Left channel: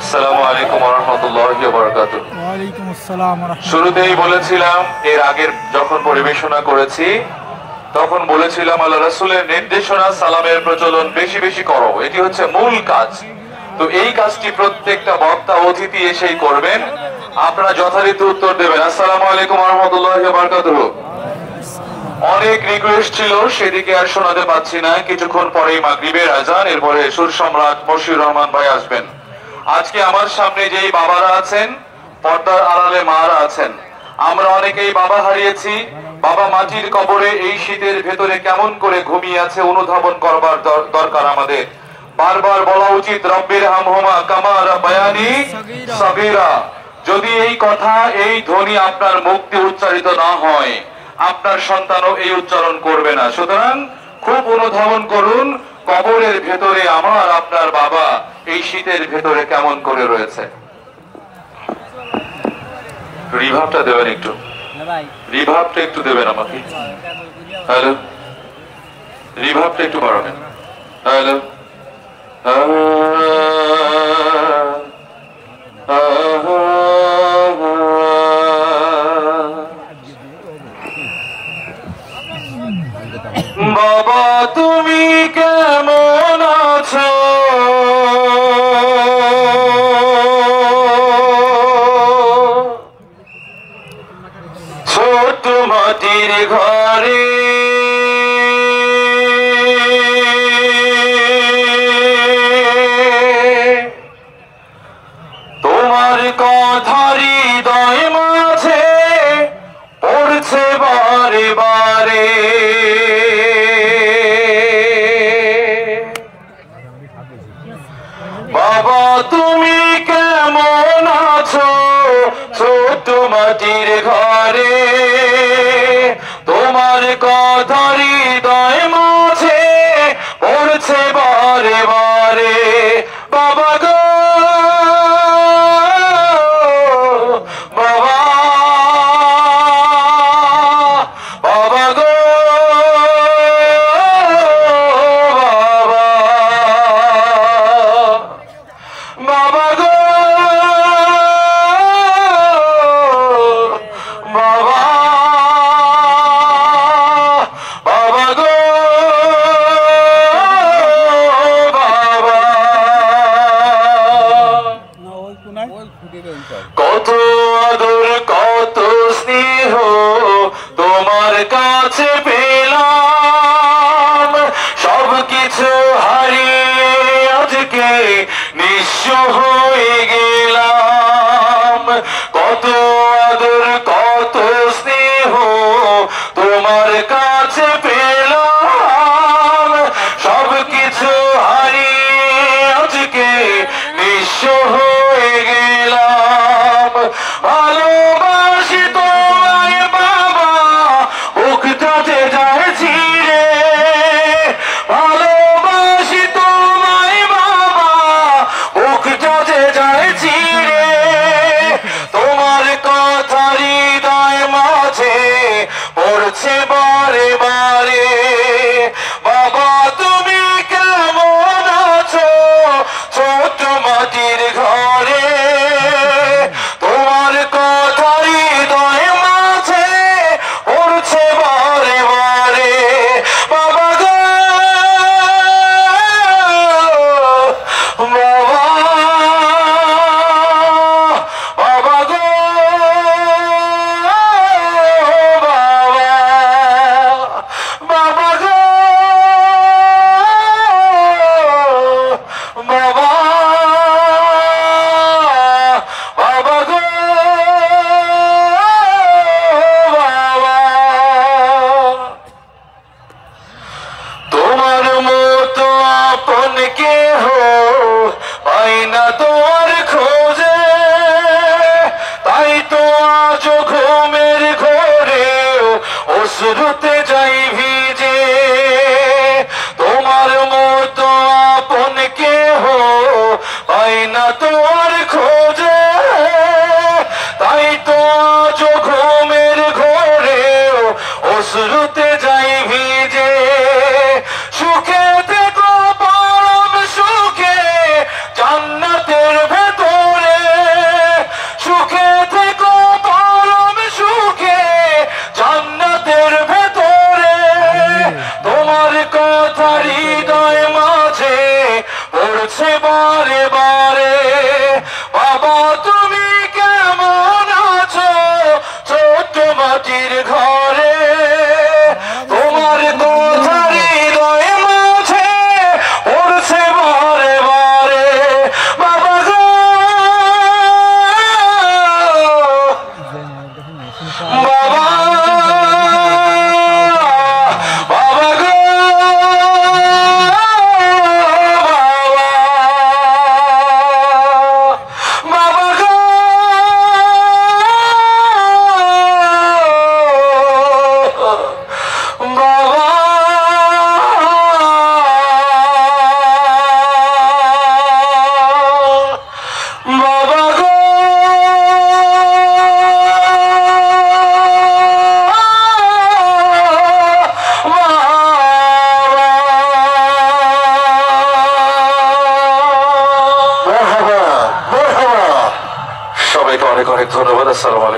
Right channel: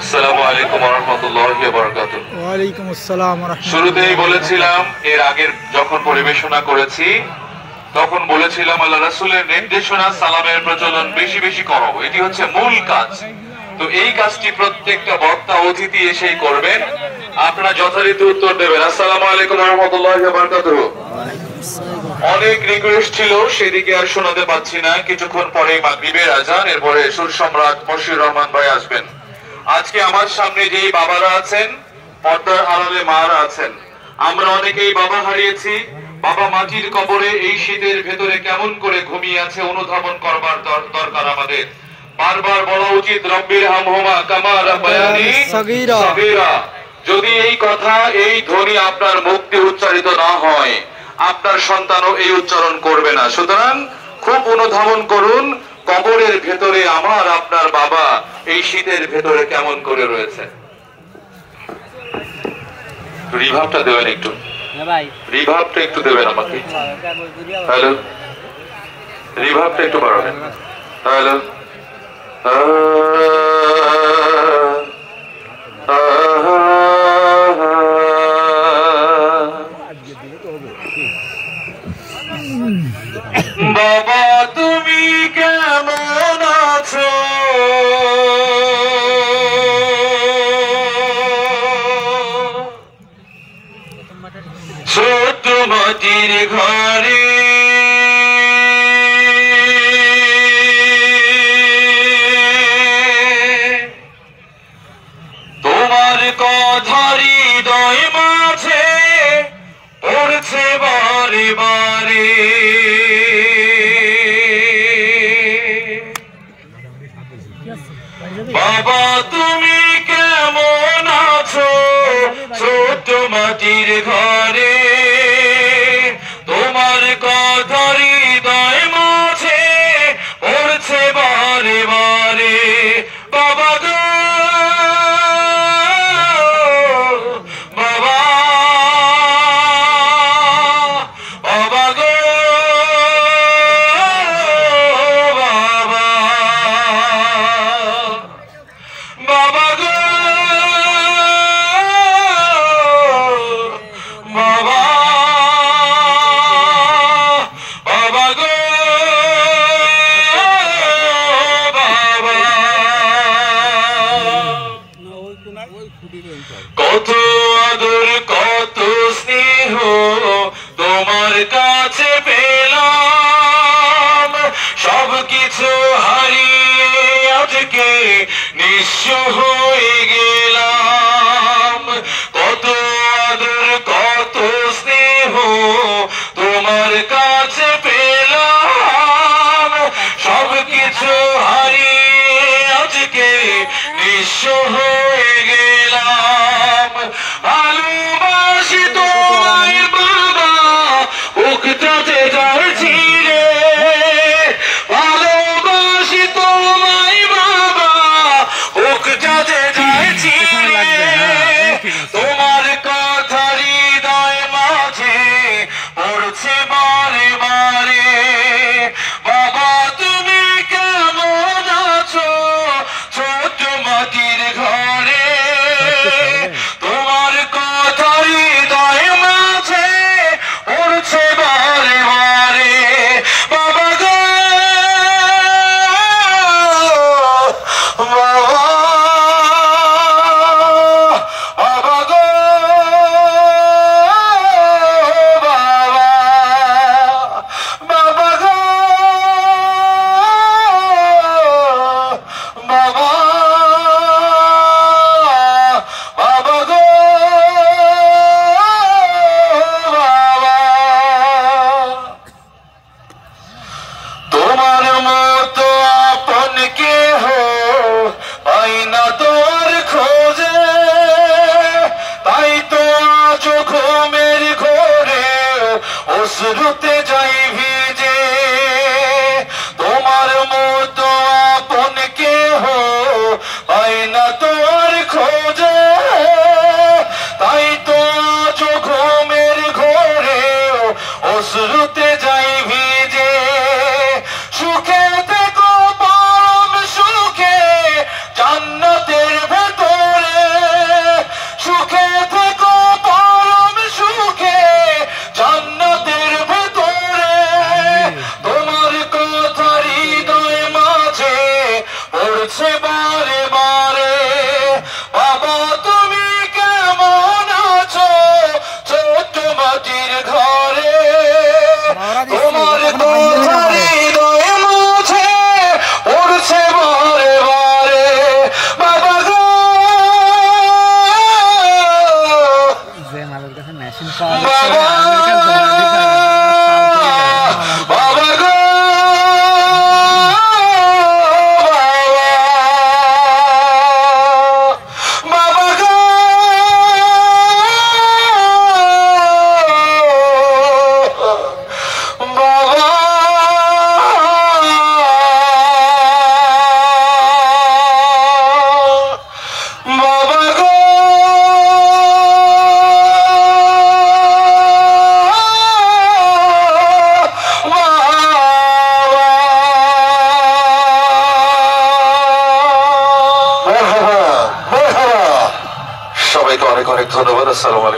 আসসালামু আলাইকুম ওয়া রাহমাতুল্লাহি ওয়া বারাকাতুহু। ওয়া আলাইকুম আসসালাম ওয়া রাহমাতুল্লাহ। শুরুতেই বলেছিলাম, এর আগের যখন পরিবেশনা করেছি তখন বলেছিলাম আল্লাহ রাসূলের নির্দেশনা সালামের প্রচলন বেশি বেশি করো, এটি হচ্ছে মূল কাজ। তো এই কাজটি প্রত্যেকটা বক্তা অতিথি এসেই করবেন, আপনারা যথারীতি উত্তর দেবেন। আসসালামু আলাইকুম ওয়া রাহমাতুল্লাহি ওয়া বারাকাতুহু। অনেক রিকোয়েস্ট ছিল, সেদিকে আর শোনাতে পাচ্ছি না। কিছুক্ষণ পরেই মাগরিবের আজান, এরপরে সুর সম্রাট মশিউর রহমান ভাই আসবেন। আজকে আমার সামনে যেই বাবারা আছেন, পর্দার আড়ালে মারা আছেন, আমরা অনেকেই বাবা হারিয়েছি। বাবা মাটির কবরে এই শীতের ভেতরে কেমন করে ঘুমিয়ে আছে অনুধাবন করবার দরকার আমাদের। বারবার বলা উচিত, রব্বির হামহুমা কামা রাব্বায়ানি সগীরা। যদি এই কথা, এই ধ্বনি আপনার মুখ দিয়ে উচ্চারিত না হয়, আপনার সন্তানও এই উচ্চারণ করবে না। সুতরাং খুব অনুধাবন করুন, কবরের ভেতরে আমার আপনার বাবা এই শীতের ভেতরে কেমন করে রয়েছে। রিভাবটা দেবেন একটু, রিভাবটা একটু দেবেন আমাকে। হ্যালো, রিভাবটা একটু বাড়াবেন। হ্যালো, বাবা তুমি কেমন আছো, ছোট মাটির ঘরে তোমার কথা হৃদয় মাঝে পড়ছে বারে বারে। বাবা তুমি কেমন আছো, ছোট মাটির ঘরে তোমার কথা হৃদয় মাঝে পড়ছে বারে বারে। বাবা গো বাবা, বাবা গো বাবা, বাবা গো বাবা, বাবা গো বাবা। কত আদর কত স্নেহ তোমার কাছে পেলাম, সব কিছু হারিয়ে আজকে নিঃস্ব হয়ে গেলাম। কত আদর কত স্নেহ তোমার কাছে পেলাম, সব কিছু হারিয়ে আজকে নিঃস্ব হয়ে গেলাম। ভালোবাসি তোমায় বাবা, বুকটাতে জ্বলছি রে। ভালোবাসি তোমায় বাবা, বুকটাতে জ্বলছি রে। তোমার কথা হৃদয় মাঝে পড়ছে বারে বারে। বাবা তুমি কেমন আছো, ছোট মাটির ঘরে তোমার কথা হৃদয় মাঝে পড়ছে বারে বারে। বাবা গো বাবা, বাবা গো বাবা, বাবা গো বাবা, বাবা গো বাবা। তোমার মতো আপন কেহ পাই না তোমার খোঁজে, তাই তো আজ ঘুমের ঘোরে অশ্রুতে যাই ভিজে। তোমার মতো আপন কেহ পাই না তোমার খোঁজে, তাই তো আজ ঘুমের ঘোরে অশ্রুতে যাই ভিজে। সুখে থেকো পরম বলছে বারে বারে, বাবা তুমি কেমন আছো ছোট্ট মাটির ঘরে, তোমার কথা হৃদয়ে মাঝে পড়ছে বারে বারে, বাবা গো বাবা, বাবা গো সবাইকে অনেক অনেক ধন্যবাদ। আসসালামু আলাইকুম।